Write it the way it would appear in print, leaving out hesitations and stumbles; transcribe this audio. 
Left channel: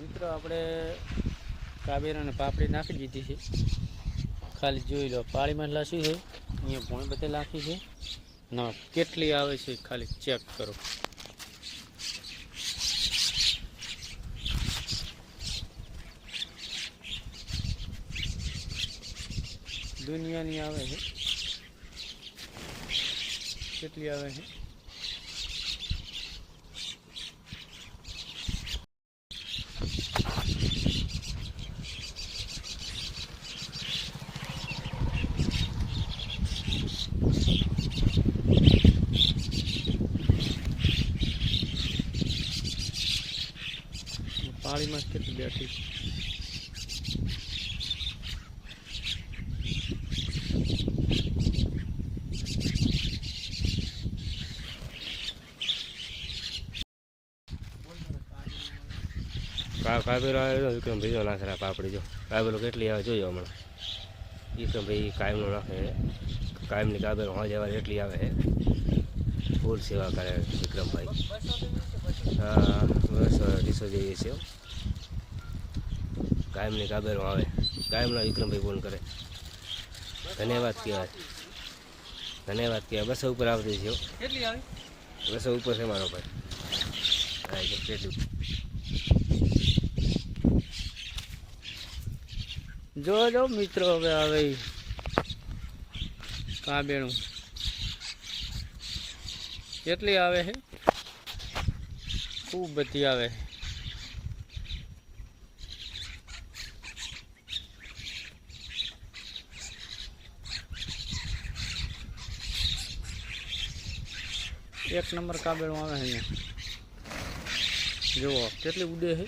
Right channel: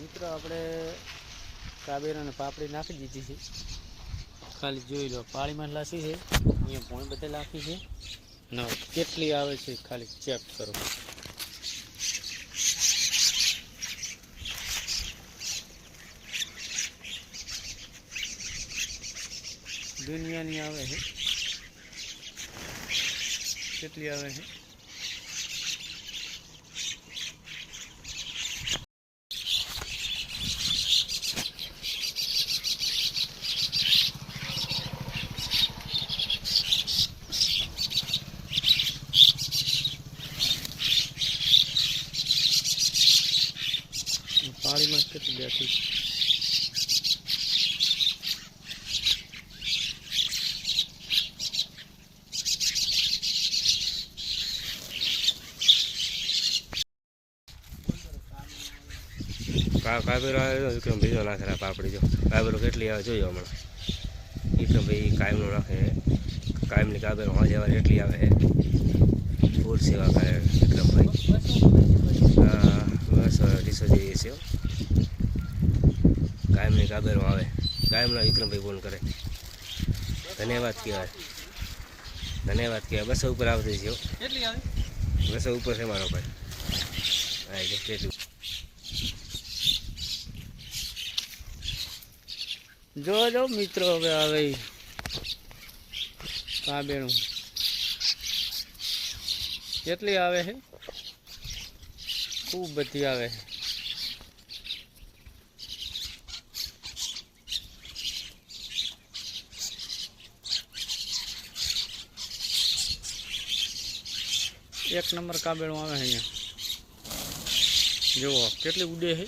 મિત્રો આપણે કાબેરાને પાપડી નાખી દીધી છે. ખાલી જોઈ લો પાણીમાં લાસી છે, અહીંયા ભૂણ બધે નાખી છે ને કેટલી આવે છે ખાલી ચેક કરો. દુનિયાની આવે છે, કેટલી આવે છે. પાણીમાં કેટલી બેઠી કાબેલો આવ્યો વિક્રમ ભાઈ નાખે પાપડી. જો કાબેલો કેટલી આવે જોયો હમણાં. વિક્રમ ભાઈ કાયમનો નાખે, કાયમની કાબેલો હોજ આવે એટલી આવે છે. ફૂલ સેવા કરે વિક્રમભાઈ. 200 જેવી છે. કાયમની કાબેલો આવે, કાયમના વિક્રમભાઈ ફોન કરે. ધન્યવાદ કહેવાય, ધન્યવાદ કહેવાય. 200 ઉપર આવતી છે. 200 ઉપર છે મારો ભાઈ. હા કેટલું જો મિત્રો હવે આવે કાબેણું કેટલી આવે છે, ખૂબ બધી આવે છે. એક નંબર કાબેણું આવે છે અહીંયા. જુઓ કેટલી ઉડે છે.